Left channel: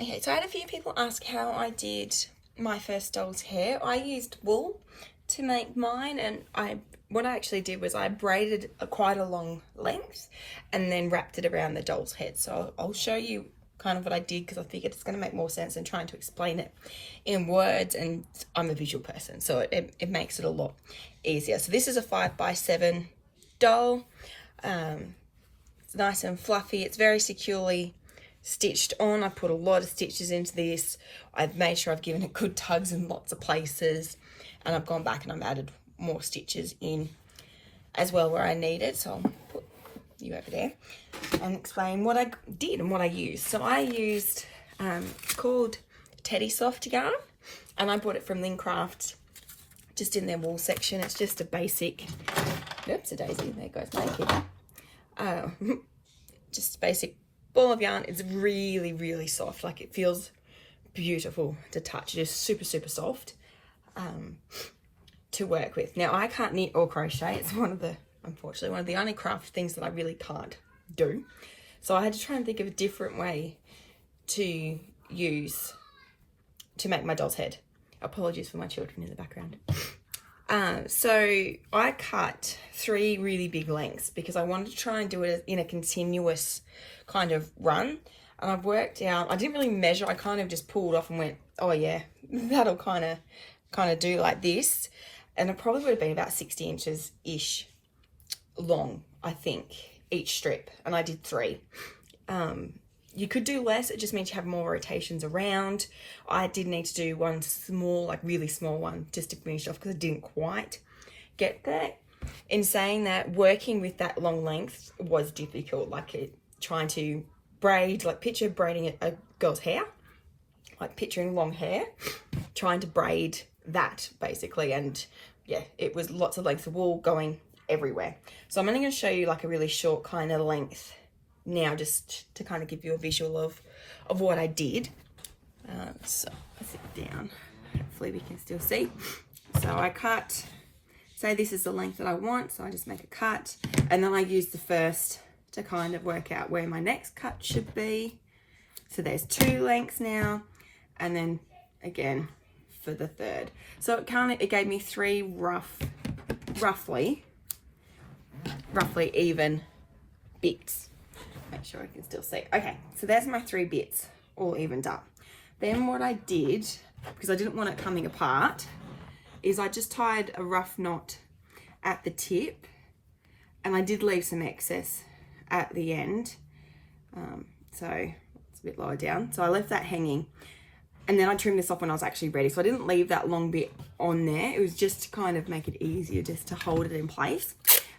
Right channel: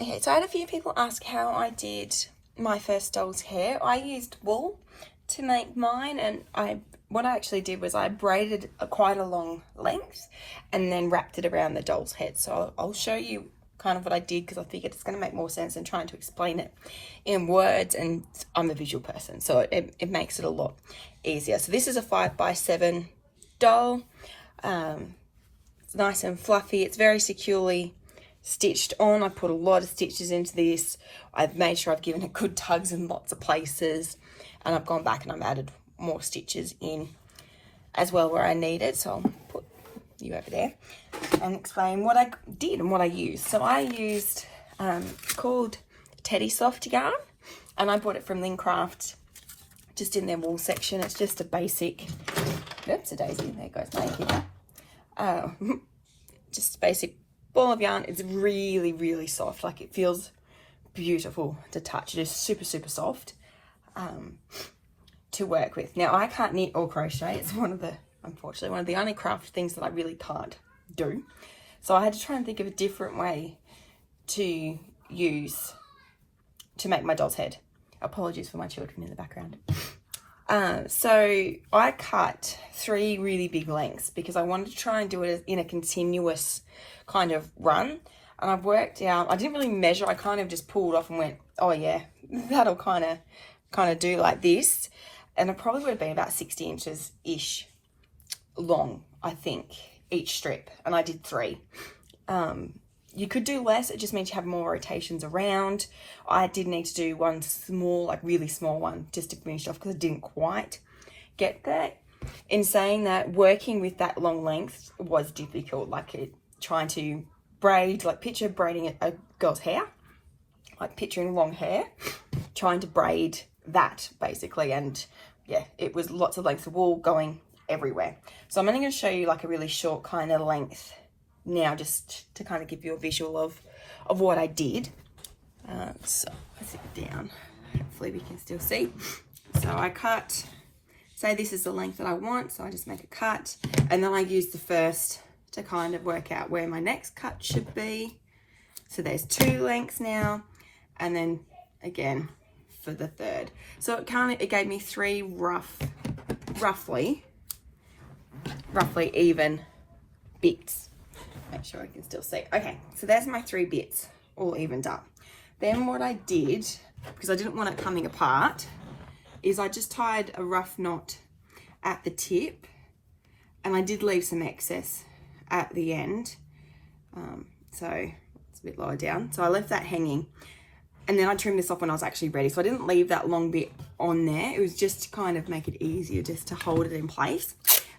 Okay, so I had a few people ask how I did my first doll's hair. I used wool to make mine, and what I actually did was I braided quite a long length and then wrapped it around the doll's head. So I'll show you kind of what I did, because I figured it's going to make more sense than trying to explain it in words, and I'm a visual person, so it makes it a lot easier. So this is a 5x7 doll. It's nice and fluffy. It's very securely stitched on. I put a lot of stitches into this. I've made sure I've given it good tugs in lots of places, and I've gone back and I've added more stitches in as well where I need it. So I'll put you over there and explain what I did and what I used. So I used called Teddy Soft yarn, and I bought it from Lincraft, just in their wool section. It's just a basic, oops, a daisy, there goes my figure. Just a basic ball of yarn. It's really, really soft. Like, it feels beautiful to touch. It is super, super soft to work with. Now, I can't knit or crochet. It's unfortunately one of the only craft things that I really can't do. So I had to try and think of a different way to use to make my doll's head. Apologies for my children in the background. So I cut 3 really big lengths because I wanted to try and do it in a continuous kind of run. And I've worked out, I didn't really measure, I kind of just pulled off and went, oh yeah, that'll kind of do like this. And it probably would have been about 60 inches-ish long, I think, each strip. And I did 3. You could do less, it just means you have more rotations around. I did need to do one small, like really small one, just to finish off because I didn't quite get there. In saying that, working with that long length was difficult, like trying to braid, like picture braiding a girl's hair, like picturing long hair, trying to braid that basically. And yeah, it was lots of lengths of wool going everywhere. So I'm only going to show you like a really short kind of length now, just to kind of give you a visual of what I did. So sit down, hopefully we can still see. So I cut, say this is the length that I want, so I just make a cut, and then I use the first to kind of work out where my next cut should be. So there's 2 lengths now, and then again for the third. So it gave me 3 roughly even bits. Make sure I can still see. Okay, so there's my 3 bits all evened up. Then what I did, because I didn't want it coming apart, is I just tied a rough knot at the tip, and I did leave some excess at the end. So it's a bit lower down. So I left that hanging, and then I trimmed this off when I was actually ready. So I didn't leave that long bit on there. It was just to kind of make it easier just to hold it in place.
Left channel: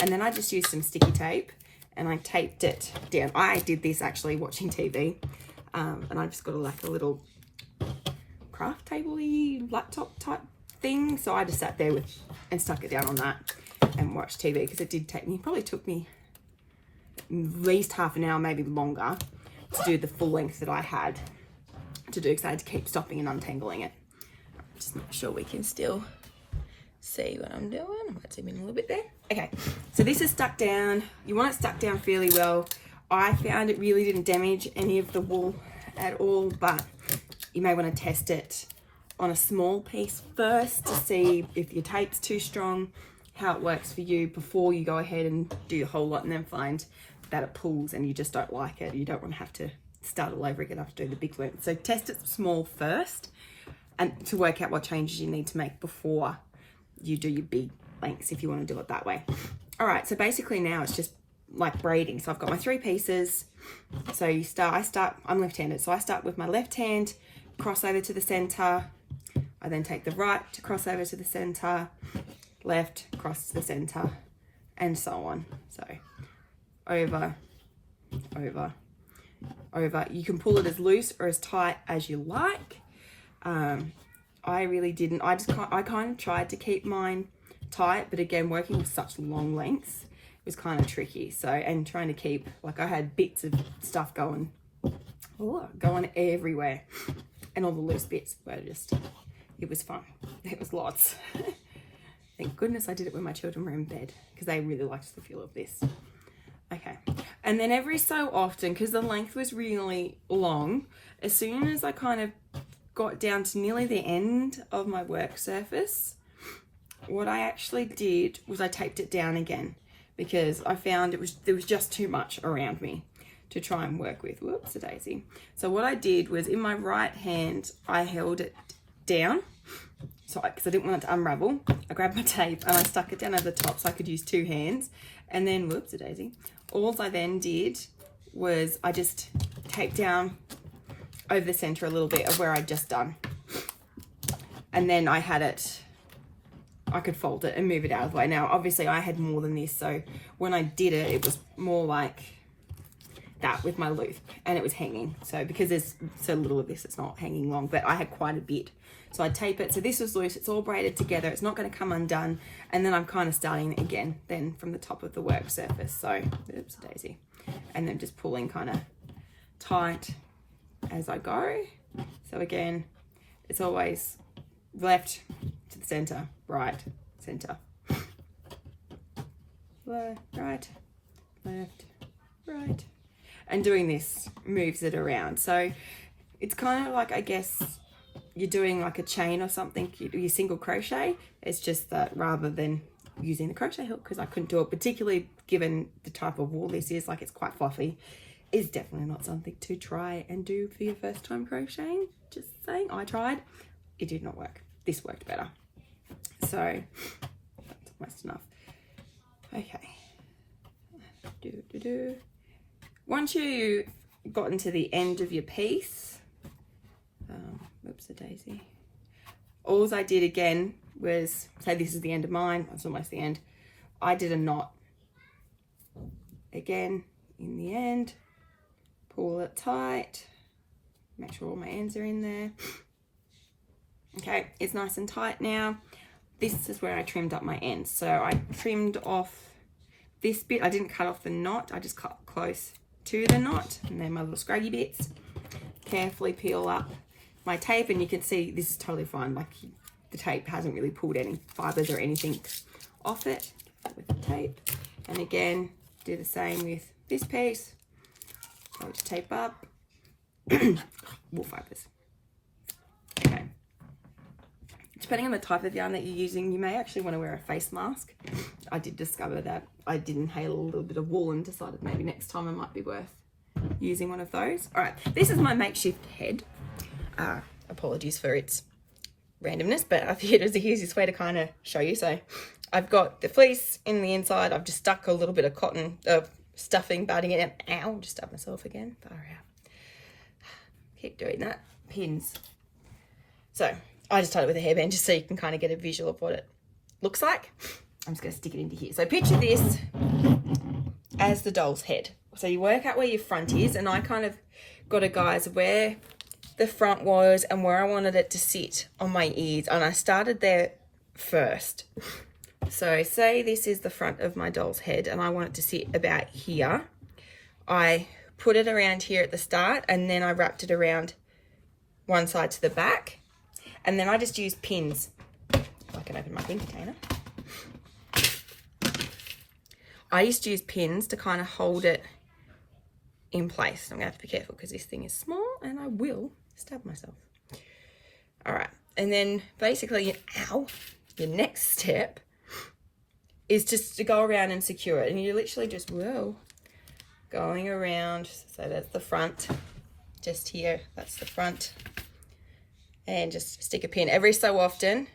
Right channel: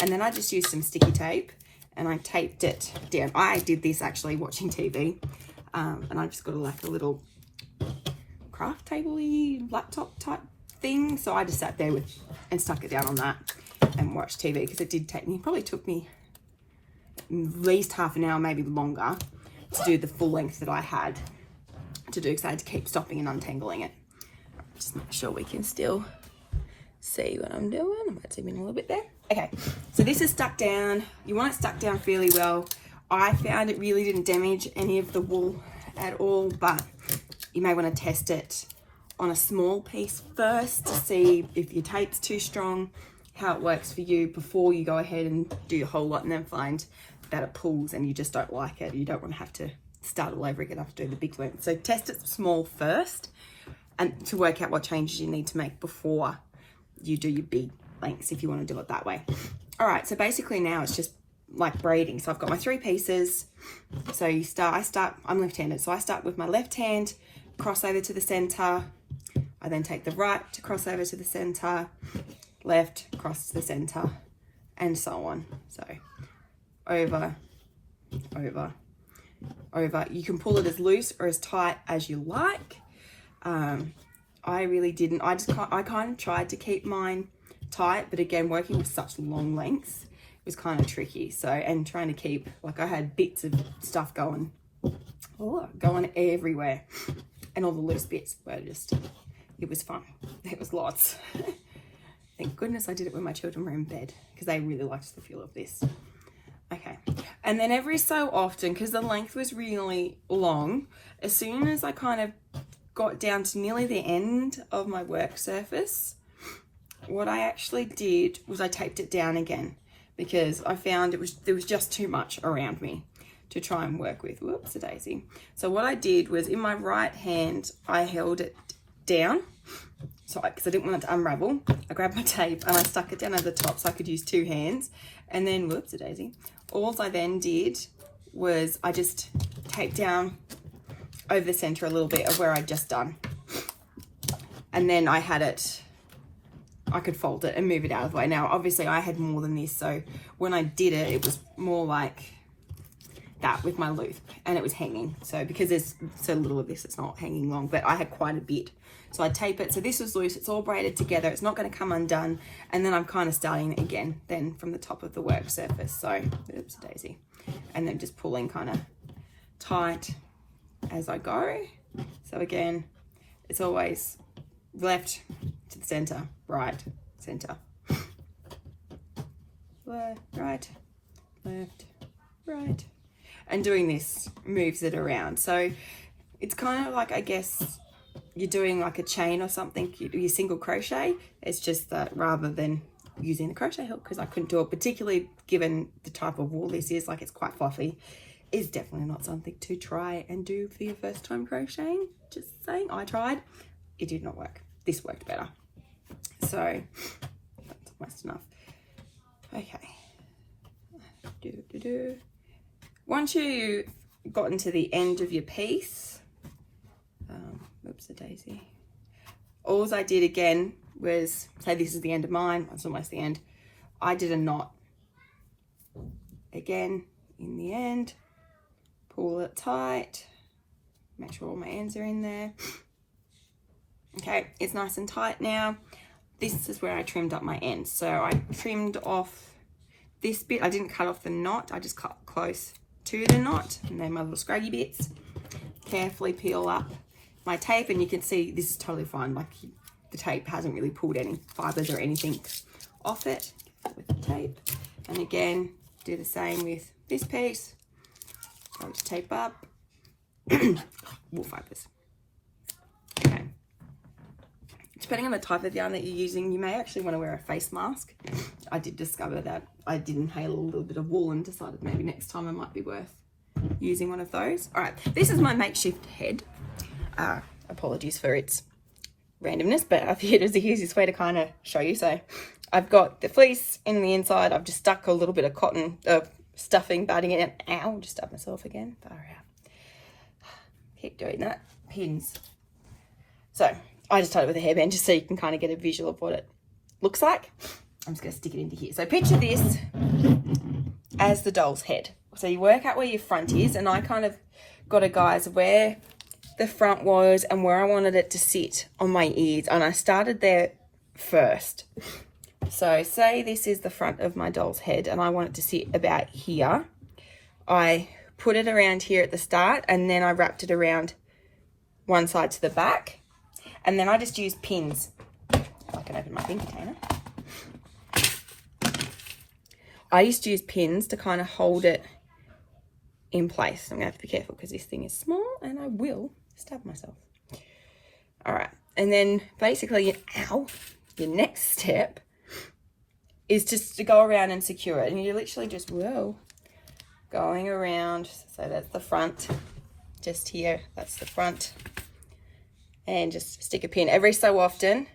And then I just used some sticky tape and I taped it down. I did this actually watching TV, and I just got like a little craft table-y laptop type thing. So I just sat there and stuck it down on that and watched TV, because it did take me, probably took me at least half an hour, maybe longer, to do the full length that I had to do, because I had to keep stopping and untangling it. Just make sure we can still see what I'm doing. I might zoom in a little bit there. Okay, so this is stuck down. You want it stuck down fairly well. I found it really didn't damage any of the wool at all, but you may want to test it on a small piece first to see if your tape's too strong, how it works for you, before you go ahead and do your whole lot and then find that it pulls and you just don't like it. You don't want to have to start all over again after doing the big length. So test it small first, and to work out what changes you need to make before you do your big lengths, if you want to do it that way. All right, so basically now it's just like braiding. So I've got my 3 pieces. So I'm left-handed, so I start with my left hand, cross over to the center. I then take the right to cross over to the center, left, cross to the center, and so on. So over, over, over. You can pull it as loose or as tight as you like. I really didn't. I kind of tried to keep mine tight, but again, working with such long lengths, it was kind of tricky. So, and trying to keep, like, I had bits of stuff going everywhere, and all the loose bits were just, it was fun. It was lots. Thank goodness I did it when my children were in bed, because they really liked the feel of this. Okay, And then every so often, because the length was really long, as soon as I kind of got down to nearly the end of my work surface, what I actually did was I taped it down again, because I found there was just too much around me to try and work with. Whoops, a daisy. So what I did was, in my right hand, I held it down, so because I didn't want it to unravel. I grabbed my tape and I stuck it down over the top so I could use two hands. And then, whoops, a daisy. All I then did was I just taped down over the center a little bit of where I'd just done. And then I had it, I could fold it and move it out of the way. Now, obviously I had more than this, so when I did it, it was more like that with my loop, and it was hanging. So because there's so little of this, it's not hanging long, but I had quite a bit. So I tape it. So this was loose, it's all braided together, it's not going to come undone. And then I'm kind of starting again then from the top of the work surface. So, oops, daisy. And then just pulling kind of tight as I go. So again, it's always left to the center, right, center. Left, right, left, right. And doing this moves it around. So it's kind of like, I guess, you're doing like a chain or something, you single crochet. It's just that rather than using the crochet hook, because I couldn't do it, particularly given the type of wool this is, like it's quite fluffy, is definitely not something to try and do for your first time crocheting. Just saying, I tried, it did not work. This worked better. So that's almost enough. Okay. Once you gotten to the end of your piece, oops, a daisy. All I did again was, say this is the end of mine, it's almost the end. I did a knot. Again, in the end, pull it tight, make sure all my ends are in there. Okay, it's nice and tight now. This is where I trimmed up my ends. So I trimmed off this bit. I didn't cut off the knot, I just cut close to the knot, and then my little scraggy bits. Carefully peel up my tape, and you can see this is totally fine. Like the tape hasn't really pulled any fibers or anything off it with the tape. And again, do the same with this piece. I'll just tape up. Wool fibers. Okay. Depending on the type of yarn that you're using, you may actually want to wear a face mask. I did discover that I did inhale a little bit of wool and decided maybe next time it might be worth using one of those. All right, this is my makeshift head. Apologies for its randomness, but I figured it was the easiest way to kind of show you. So I've got the fleece in the inside. I've just stuck a little bit of cotton stuffing, batting it. Ow, just stabbed myself again. Far out. Keep doing that. Pins. So I just tied it with a hairband just so you can kind of get a visual of what it looks like. I'm just going to stick it into here. So picture this as the doll's head. So you work out where your front is, and I kind of got a guise of where the front was and where I wanted it to sit on my ears, and I started there first. So say this is the front of my doll's head and I want it to sit about here. I put it around here at the start, and then I wrapped it around one side to the back, and then I just use pins. If I can open my pin container. I used to use pins to kind of hold it in place. I'm gonna have to be careful because this thing is small and I will stab myself. All right, and then basically, ow, the next step is just to go around and secure it. And you literally just, whoa, going around. So that's the front, just here, that's the front. And just stick a pin every so often,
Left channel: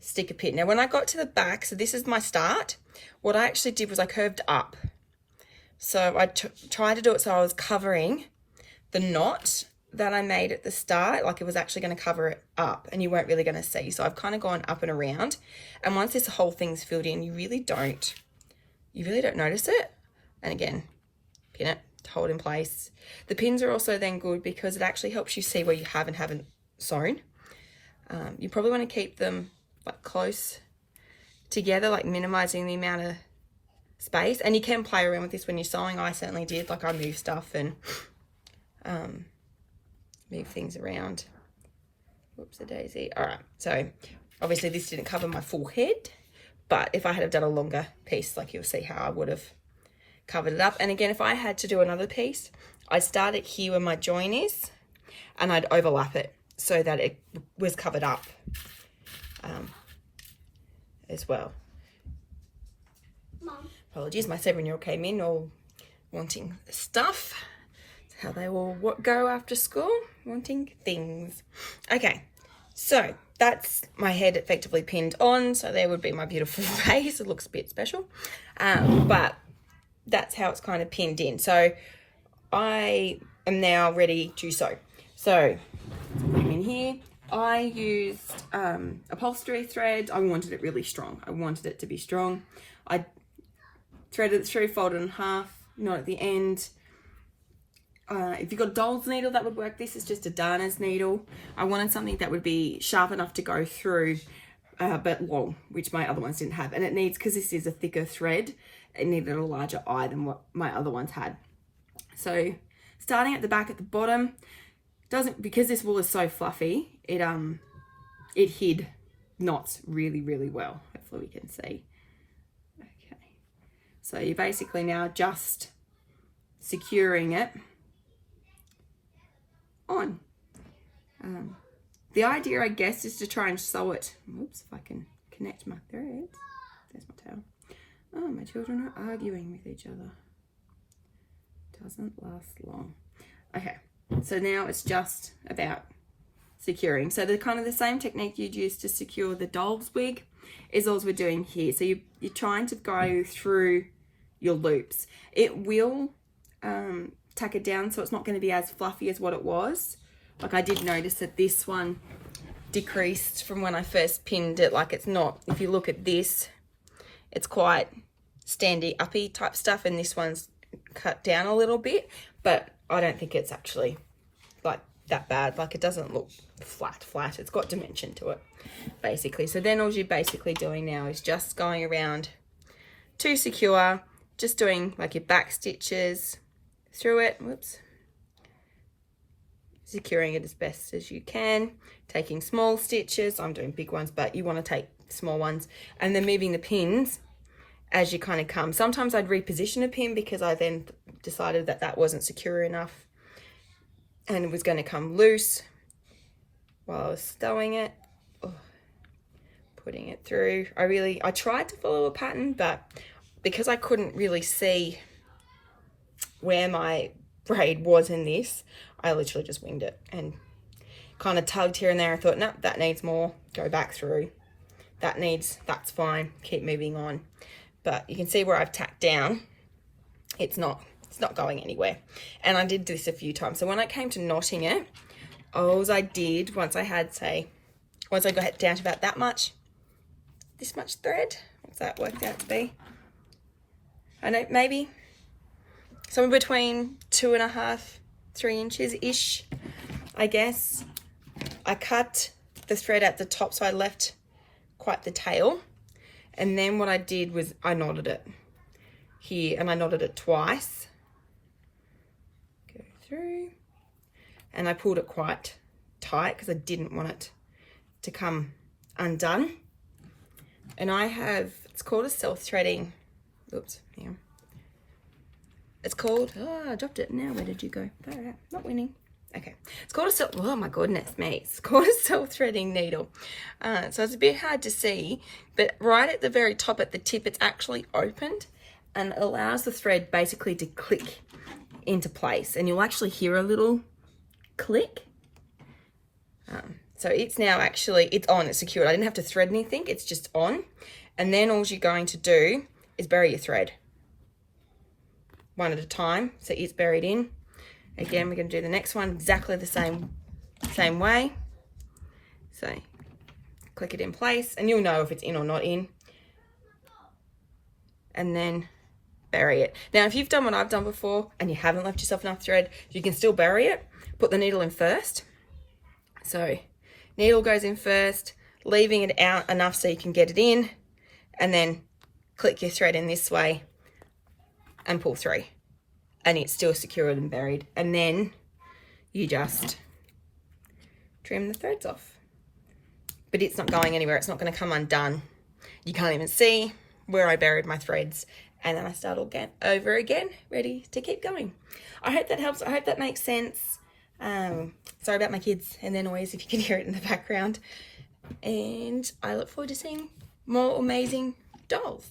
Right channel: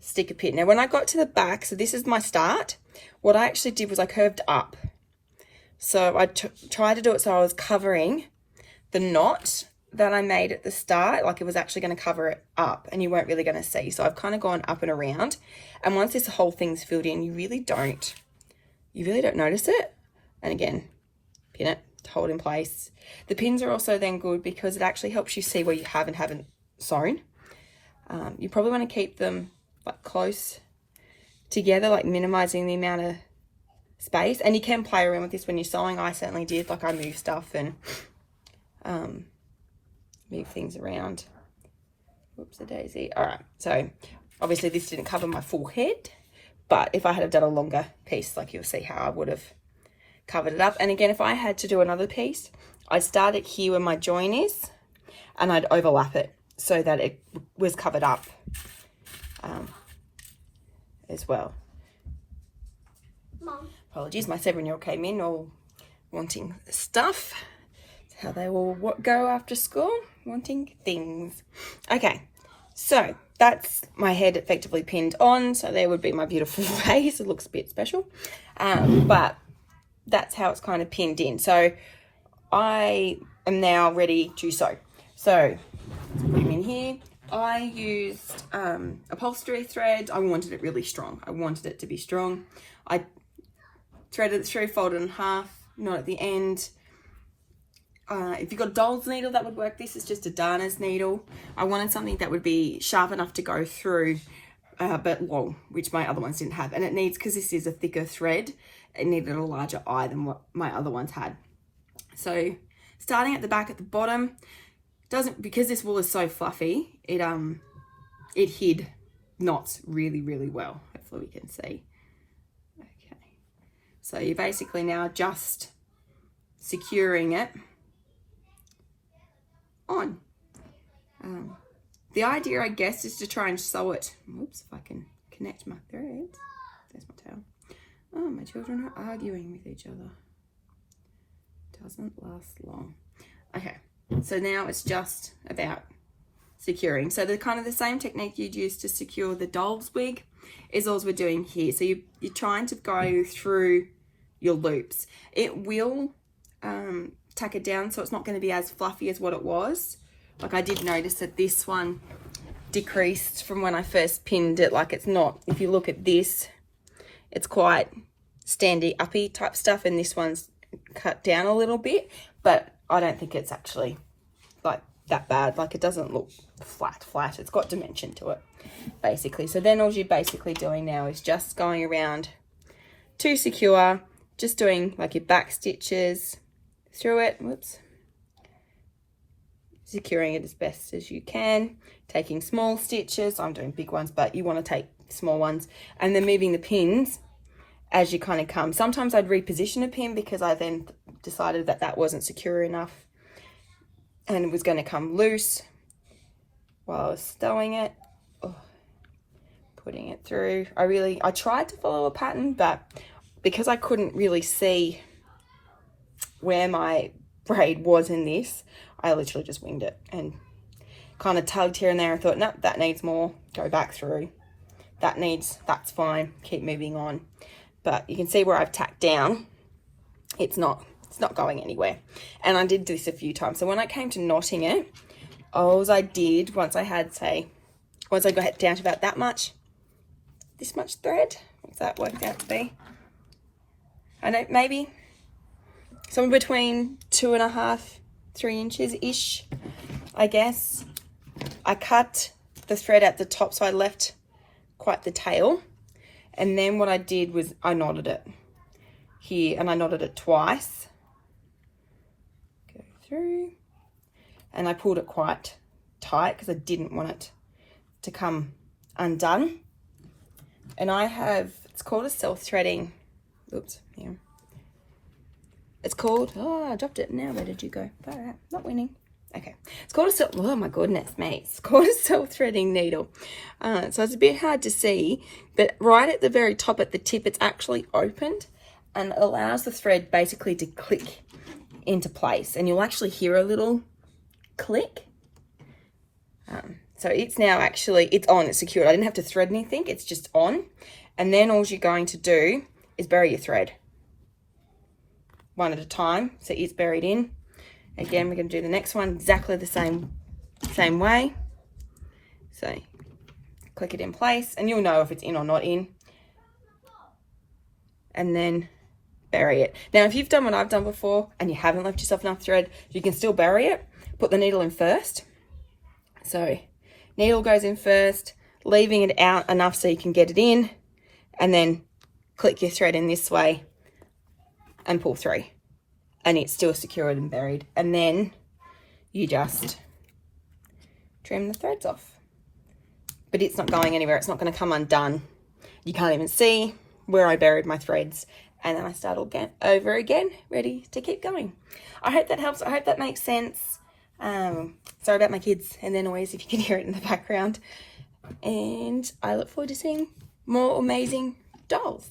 stick a pin. Now when I got to the back, so this is my start, what I actually did was I curved up. So I tried to do it so I was covering the knot that I made at the start, like it was actually going to cover it up and you weren't really going to see. So I've kind of gone up and around, and once this whole thing's filled in, you really don't notice it. And again, pin it to hold in place. The pins are also then good because it actually helps you see where you have and haven't sewn. You probably want to keep them like close together, like minimizing the amount of space. And you can play around with this when you're sewing. I certainly did. Like I move stuff and move things around. Whoops, a daisy. All right, so obviously this didn't cover my full head, but if I had done a longer piece, like you'll see how I would have covered it up. And again, if I had to do another piece, I'd start it here where my join is, and I'd overlap it so that it was covered up as well. Mom. Apologies, my 7-year-old came in all wanting stuff. That's how they will go after school, wanting things. Okay, so that's my head effectively pinned on. So there would be my beautiful face. It looks a bit special, but that's how it's kind of pinned in. So I am now ready to sew. So put them in here. I used upholstery thread. I wanted it really strong. I wanted it to be strong. I threaded it through, folded in half, not at the end. If you've got a doll's needle, that would work. This is just a darner's needle. I wanted something that would be sharp enough to go through, but long, which my other ones didn't have. And it needs, because this is a thicker thread, it needed a larger eye than what my other ones had. So starting at the back at the bottom, because this wool is so fluffy, it hid knots really, really well. Hopefully we can see. Okay. So you're basically now just securing it on. The idea, I guess, is to try and sew it. Oops, if I can connect my threads. There's my tail. Oh, my children are arguing with each other. Doesn't last long. Okay, so now it's just about securing. So the kind of the same technique you'd use to secure the doll's wig is all we're doing here. So you're trying to go through your loops. It will tack it down, so it's not going to be as fluffy as what it was. Like, I did notice that this one decreased from when I first pinned it. Like, it's not, if you look at this, it's quite standy uppy type stuff, and this one's cut down a little bit, but I don't think it's actually like that bad. Like, it doesn't look flat. It's got dimension to it, basically. So then all you're basically doing now is just going around to secure, just doing like your back stitches through it. Whoops. Securing it as best as you can, taking small stitches. I'm doing big ones, but you want to take small ones, and then moving the pins as you kind of come. Sometimes I'd reposition a pin because I then decided that that wasn't secure enough and it was going to come loose while I was sewing it. Oh, putting it through. I tried to follow a pattern, but because I couldn't really see where my braid was in this, I literally just winged it and kind of tugged here and there. I thought, no, that needs more, go back through. That's fine, keep moving on. But you can see where I've tacked down, it's not going anywhere. And I did this a few times. So when I came to knotting it, all I did, once I got down to about that much, this much thread, what's that worked out to be? I don't, maybe somewhere between 2.5, 3 inches-ish, I guess. I cut the thread at the top, so I left quite the tail. And then what I did was I knotted it here, and I knotted it twice. Go through. And I pulled it quite tight because I didn't want it to come undone. And I have, it's called a self-threading, oops, yeah. It's called, oh, I dropped it now. Where did you go? All right, not winning. Okay. It's called oh my goodness me. It's called a self-threading needle. So it's a bit hard to see, but right at the very top at the tip, it's actually opened and it allows the thread basically to click into place. And you'll actually hear a little click. So it's now actually, it's on, it's secured. I didn't have to thread anything. It's just on. And then all you're going to do is bury your thread one at a time. So it's buried in. Again, we're going to do the next one exactly the same way. So click it in place and you'll know if it's in or not in. And then bury it. Now, if you've done what I've done before and you haven't left yourself enough thread, you can still bury it. Put the needle in first. So needle goes in first, leaving it out enough so you can get it in, and then click your thread in this way and pull through. And it's still secured and buried. And then you just trim the threads off. But it's not going anywhere. It's not going to come undone. You can't even see where I buried my threads. and then I start all over again, ready to keep going. I hope that helps. I hope that makes sense. Sorry about my kids and their noise if you can hear it in the background. And I look forward to seeing more amazing dolls.